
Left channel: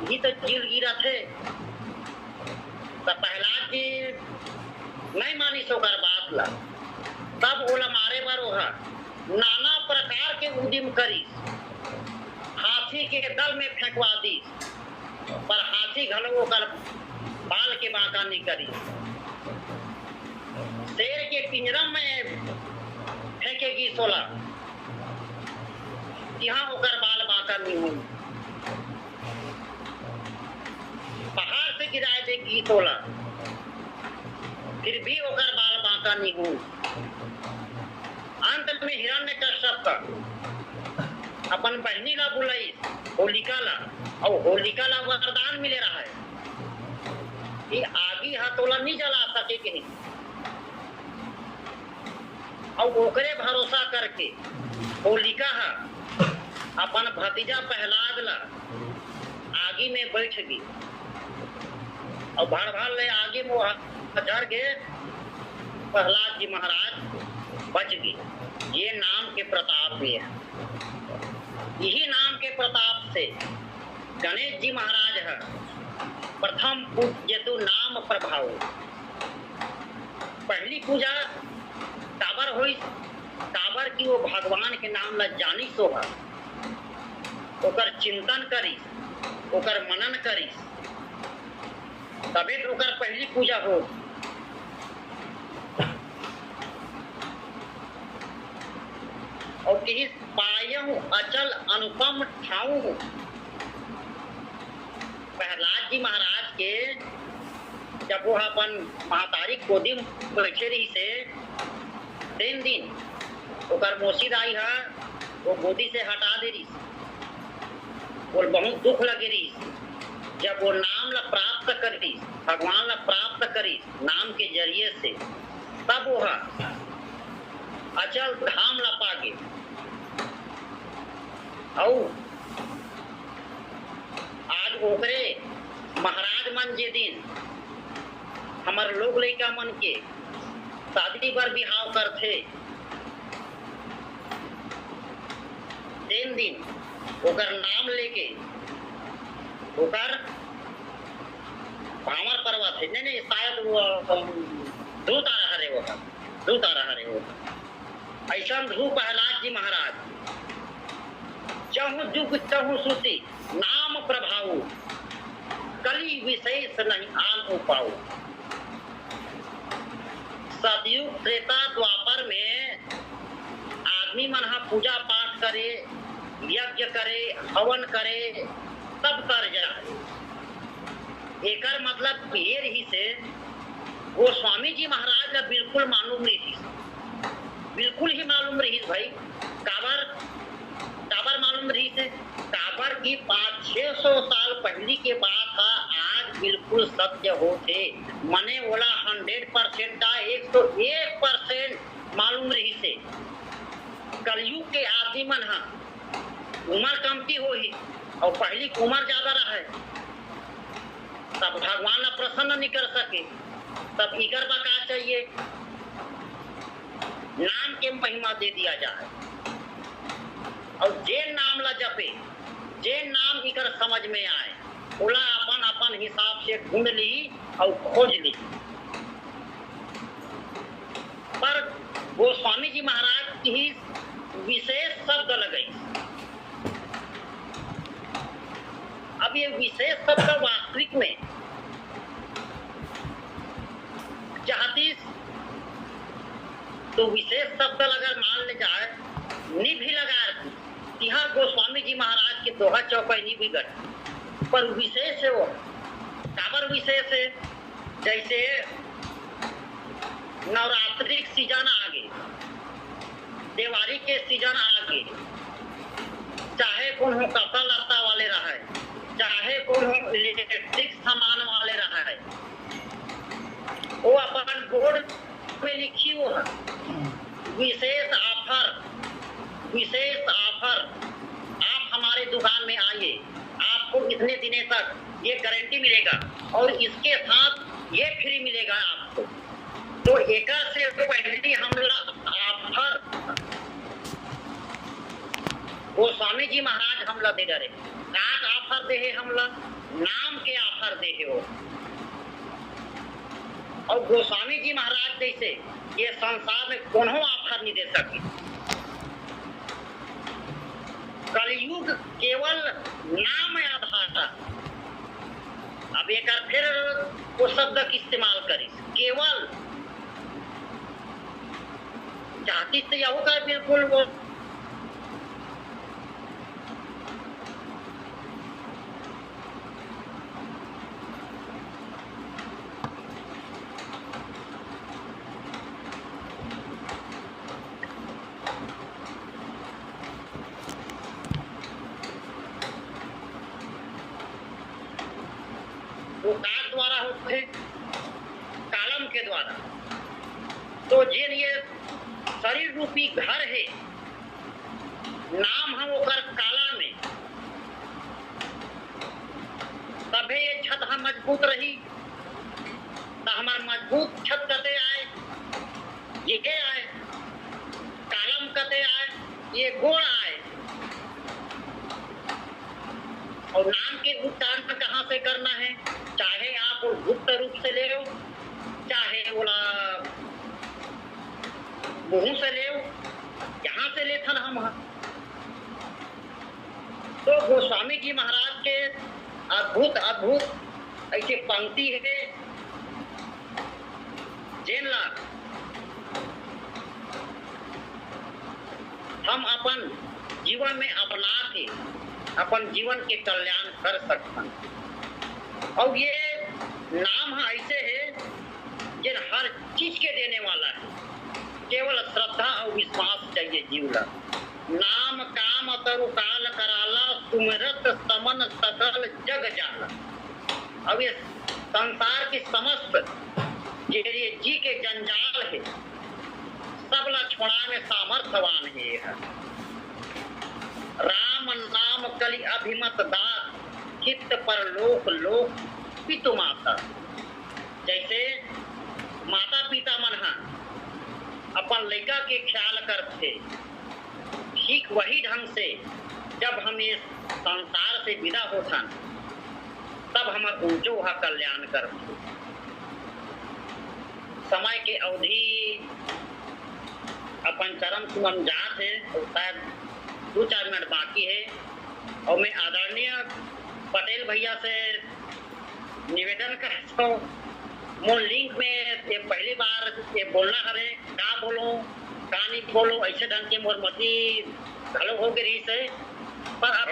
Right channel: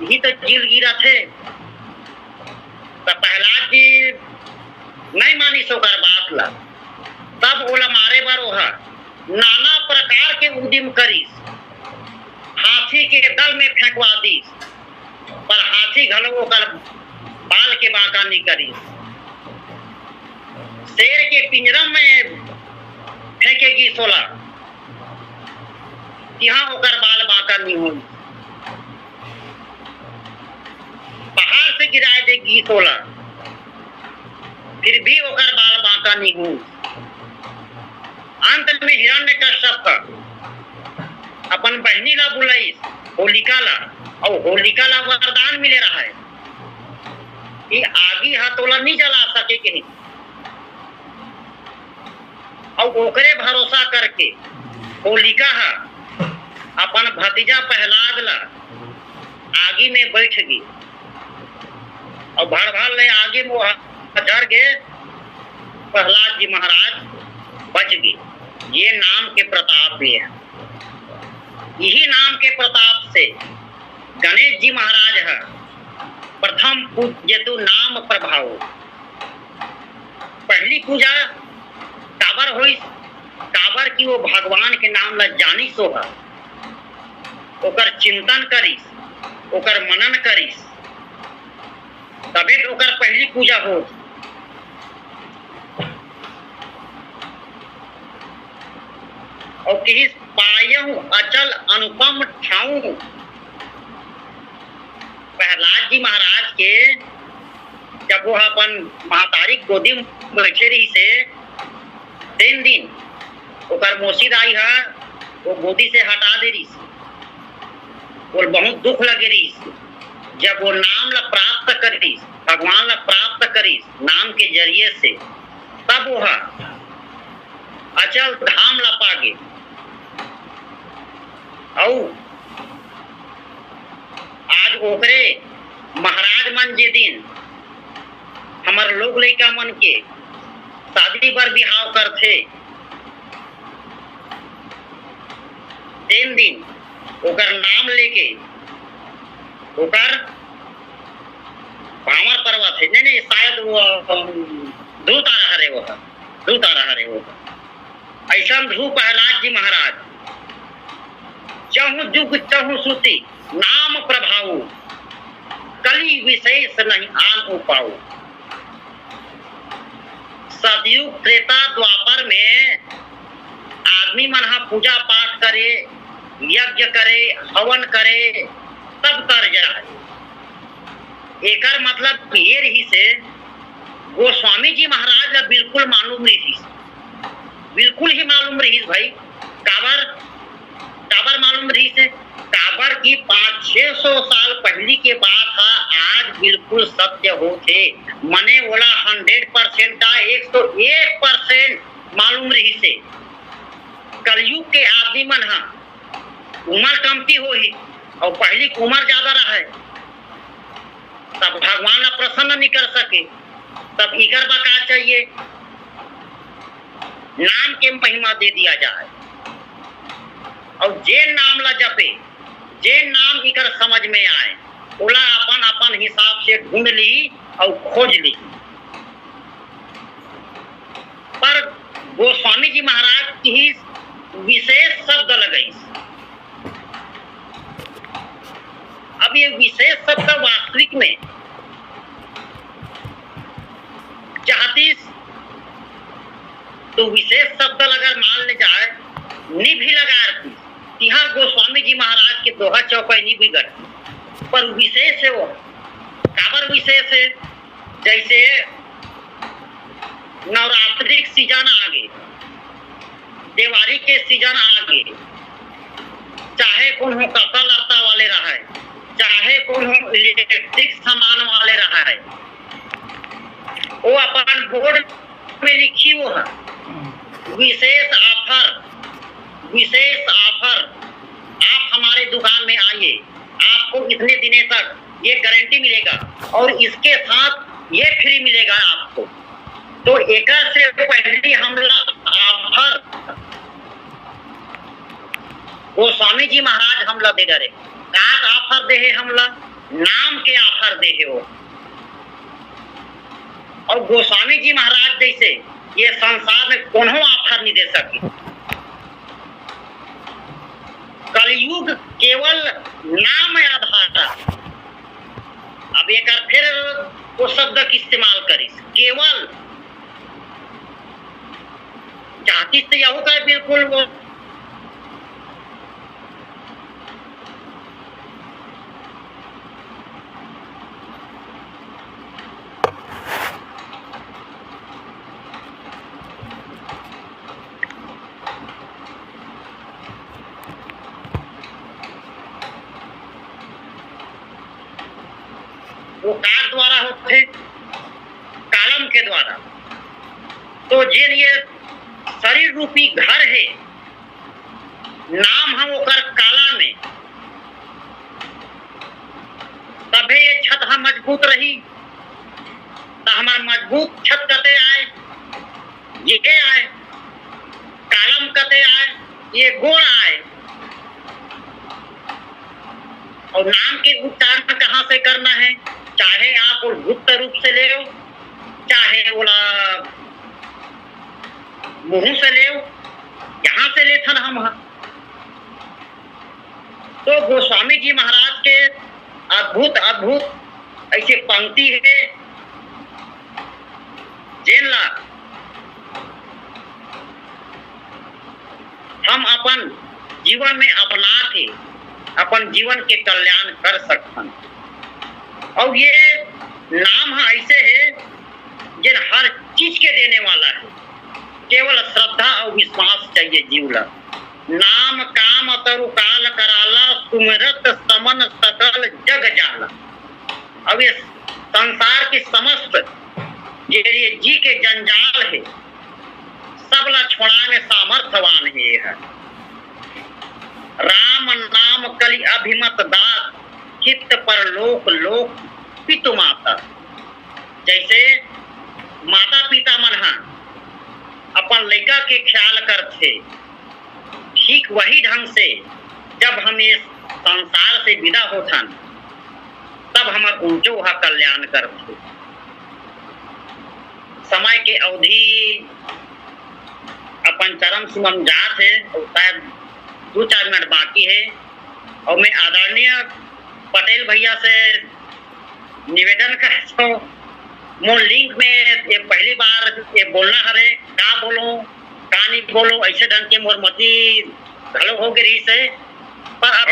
यही तो जील गिरा थे। तो प्रहलाद जी नहीं मानी सोकर बात ला, तब ओला मारे बर ओहा नाना प्रकार के उद्यम करी, हाथी के दल में फेंकवा दी, पर हाथी घलो कर बाल के बांका नहीं करी। शेर के पिंजरा में फेंकेगी सोला, यहाँ ओकर बाल बांका नहीं हो। पहाड़ से गिरा देगी सोला, फिर भी ओकर बाल बांका नहीं हो। अंत में हिरण्यकश्यप अपन बहनी ला बुलाई होलिका ला, और होलिका ला वरदान मिले रहा है कि आगी हथोला नहीं जला सके कहीं। और ओकरे भरोसा करके होलिका है अपन भतीजा प्रहलाद ला आगी में बैठ गई और भर भर ले आगे में जर गए। प्रहलाद जी महाराज बच गए। ये नाम के प्रताप है। यही नाम के प्रताप से गणेश जी महाराज है प्रथम पूज्यतु नाम प्रभाव। पहली पूजा काबर हुई काबर की वो भगवान के नाम ला जानी सोहा, ओकर चिंतन करिस, ओकर मनन करिस, तबे तो ओकर पहली पूजा हो। और किस पायहु अचल अनुपम ठाऊ। प्रहलाद जी महाराज के जब वो अपन महतारी गोदी में बैठे रही से 3 दिन ओकर मोसीद आई है, वो गोदी से हटा दे रही, वो बहुत दुख लगे रही। जब वो नाम ला प्राप्त करी, भगवान ला प्राप्त करी नाम के जरिए से, तब वो अचल धाम ला पागे। और आज ओकरे महाराज मन जे दिन हमार लोग लइका मन के शादी पर बिहाव करथे, 3 दिन ओकर नाम लेके ओकर भावर करवा थे। नहीं शायद वो ध्रुव तारा हरे, वो ध्रुव तारा हरे वो ऐसा ध्रुव प्रहलाद जी महाराज चहु जुग चहु सुति नाम प्रभाव, कली विशेष नहीं आन उपाऊ। सतयुग त्रेता द्वापर में आदमी मन हा पूजा पाठ करे, यज्ञ करे, हवन करे, सब कर जाए। एकर मतलब ये रही से गोस्वामी जी महाराज ला बिल्कुल मालूम रही, बिल्कुल ही मालूम रही भाई। काबर मालूम रही से, काबर की 500-600 साल पहली के बात था, आज बिल्कुल सत्य होते। मने बोला 100% का 101% मालूम रही से। कलयुग के आदमी मन हा उम्र कमती हो ही और पहली उम्र ज्यादा रहा है, तब भगवान प्रसन्न नहीं कर सके। तब इकर बका चाहिए नाम के महिमा दे दिया जाए, और जे नाम ला जपे, जे नाम इकर समझ में आए, ओला अपन अपन हिसाब से ढूंढ ली और खोज ली। पर गोस्वामी जी महाराज की विशेष शब्द लगई। अब ये विशेष शब्द वास्तविक में चाहती तो विशेष शब्द अगर मान ले जाए नी भी लगा, यहाँ गोस्वामी जी महाराज के दोहा चौपाई नहीं बिगड़, पर विशेष है वो। काबर विशेष है, जैसे नवरात्रि सीजन आगे, दिवाली के सीजन आगे, चाहे कौन हो कपड़ा लत्ता वाले रहा है, चाहे कौन हो इलेक्ट्रिक सामान वाले रहा है, वो अपन बोर्ड में लिखी वो है विशेष ऑफर, विशेष ऑफर, आप हमारे दुकान में आइए, आपको इतने दिनों तक ये गारंटी मिलेगा और इसके साथ ये फ्री मिलेगा आपको। तो एक से पहले हमला ऑफर गोस्वामी जी महाराज हमला दे डरे, का ऑफर दे है हमला, नाम के ऑफर दे है वो। और गोस्वामी जी महाराज जैसे ये संसार में कोनो ऑफर नहीं दे सके। कलयुग केवल नाम आधार, अब एक फिर वो शब्द की इस्तेमाल करिस, केवल चाहती तो यह होगा बिल्कुल वो कार द्वारा होते, कालम के द्वारा। तो जिन ये शरीर रूपी घर है, नाम हम ओकर काला में, तबे ये छत हम मजबूत रही। तो हमार मजबूत छत कते आए, ये आए, कालम कते आए, ये गोड़ आए। और नाम के उच्चारण कहाँ से करना है, चाहे आप गुप्त रूप से ले लो, चाहे बोला मुंह से ले, यहाँ से लेथन हम। तो गोस्वामी जी महाराज के अद्भुत अद्भुत ऐसे पंक्ति है जेनला हम अपन जीवन में अपना के अपन जीवन के कल्याण कर सकते। और ये नाम ऐसे है जिन हर चीज के देने वाला है, केवल श्रद्धा और विश्वास चाहिए जीवला। नाम काम तरु काल कराला, सुमिरत समन सकल जग जाला। अब ये संसार की समस्त ये जी के जंजाल है, सबला छोड़ा में सामर्थ्यवान है। राम नाम कलि अभिमत दात, चित्त पर लोक लोक पितु माता। जैसे माता पिता मन अपन लड़का के ख्याल करते, ठीक वही ढंग से जब हम इस संसार से विदा होथन तब हमार ऊंचो वहा कल्याण करते। समय के अवधि अपन चरम सीमा में जात है और शायद 2-4 मिनट बाकी है। और मैं आदरणीय पटेल भैया से निवेदन करता हूँ, मोर लिंक में ये पहली बार ये बोलना हरे, का बोलो का नहीं बोलो, ऐसे ढंग के मोर मती घलो हो गई से। पर अब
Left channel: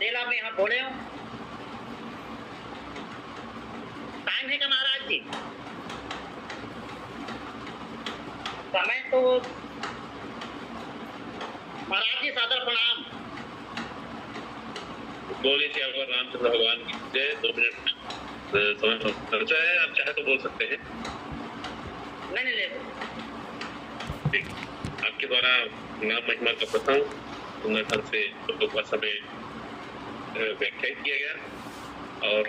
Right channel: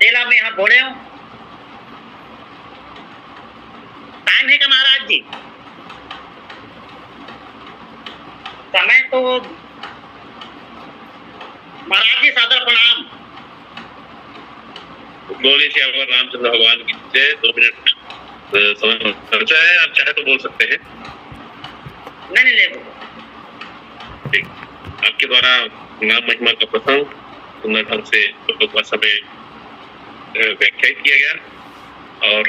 देला में यहाँ बोले हो टाइम है का महाराज जी? समय तो महाराज जी सादर प्रणाम। बोलिए श्यामा रामचंद्र भगवान की जय। 2 मिनट समय खर्चा है, आप चाहे तो बोल सकते हैं। नहीं ले ठीक, आपके द्वारा नाम महिमा का प्रथम सुंदर ढंग से लोगों का समय व्याख्यायित किया गया और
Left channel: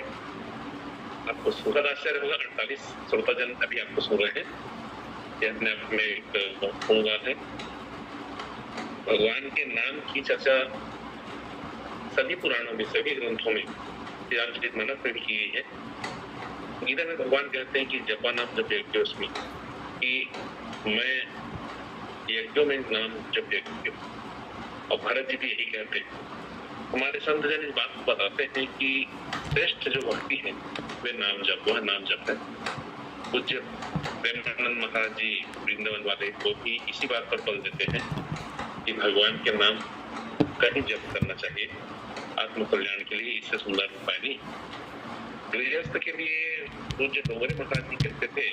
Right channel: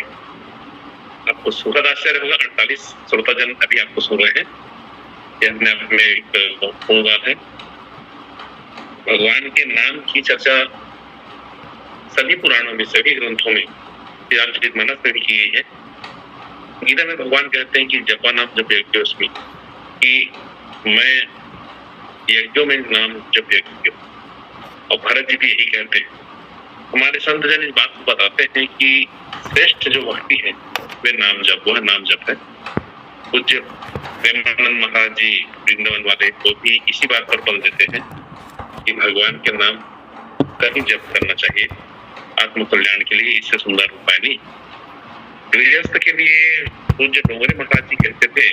आपको सुखद आश्चर्य होगा। 48 श्रोताजन अभी आपको सुन रहे हैं, यह अपने आप में एक महत्वपूर्ण बात है। भगवान के नाम की चर्चा सभी पुराणों में, सभी ग्रंथों में, रामचरितमानस में भी की गई है। गीता में भगवान कहते हैं कि जपा नाम जप यज्ञोस्मि, कि मैं यज्ञों में नाम जप यज्ञ। और भरत जी भी यही कहते हैं। हमारे संत जन इस बात को बताते हैं कि श्रेष्ठ जो भक्ति है वे नाम जप, वह नाम जप है। पूज्य प्रेमानंद महाराज जी वृंदावन वाले को भी इसी बात पर बल देते हैं कि भगवान के नाम का ही जप करना चाहिए आत्म कल्याण के लिए, इससे सुंदर उपाय नहीं। गृहस्थ के लिए पूज्य डोंगरे महाराज जी कहते थे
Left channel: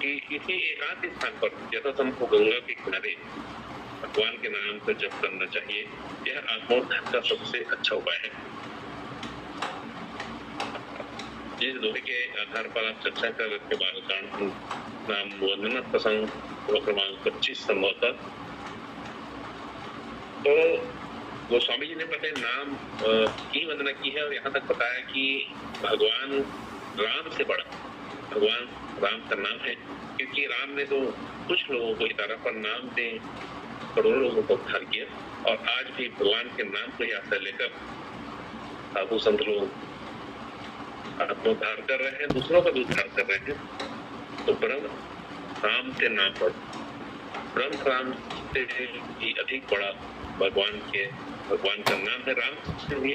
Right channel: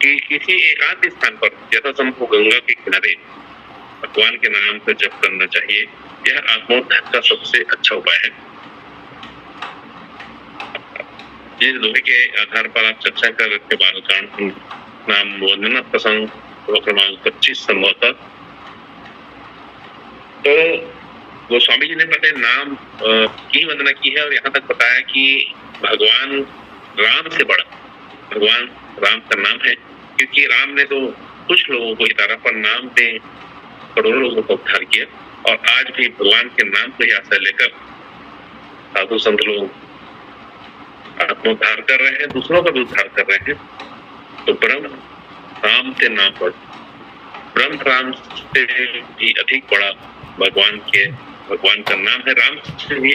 कि किसी एकांत स्थान पर यथासंभव गंगा के किनारे भगवान के नाम का जप करना चाहिए। यह आत्मोद्धार का सबसे अच्छा उपाय है। जिस दोहे के आधार पर आप चर्चा कर रहे थे, बालकांड नाम वंदना प्रसंग क्रमांक 25 संभवतः, तो गोस्वामी जी ने पहले नाम की वंदना की है और यहाँ तक बताया कि भगवान राम से बड़ा भगवान राम का नाम है, क्योंकि राम ने तो कुछ लोगों को इतारा पर नाम दे करोड़ों लोगों को उद्धार किया। और आज भी भगवान के नाम को आशा लेकर साधु संत लोग आत्मोद्धार कर रहे हैं, दूसरों का भी उद्धार कर रहे हैं। तो ब्रह्म राम के नाम पर, ब्रह्म राम से भी अधिक बड़ा भगवान का नाम है। राम से भी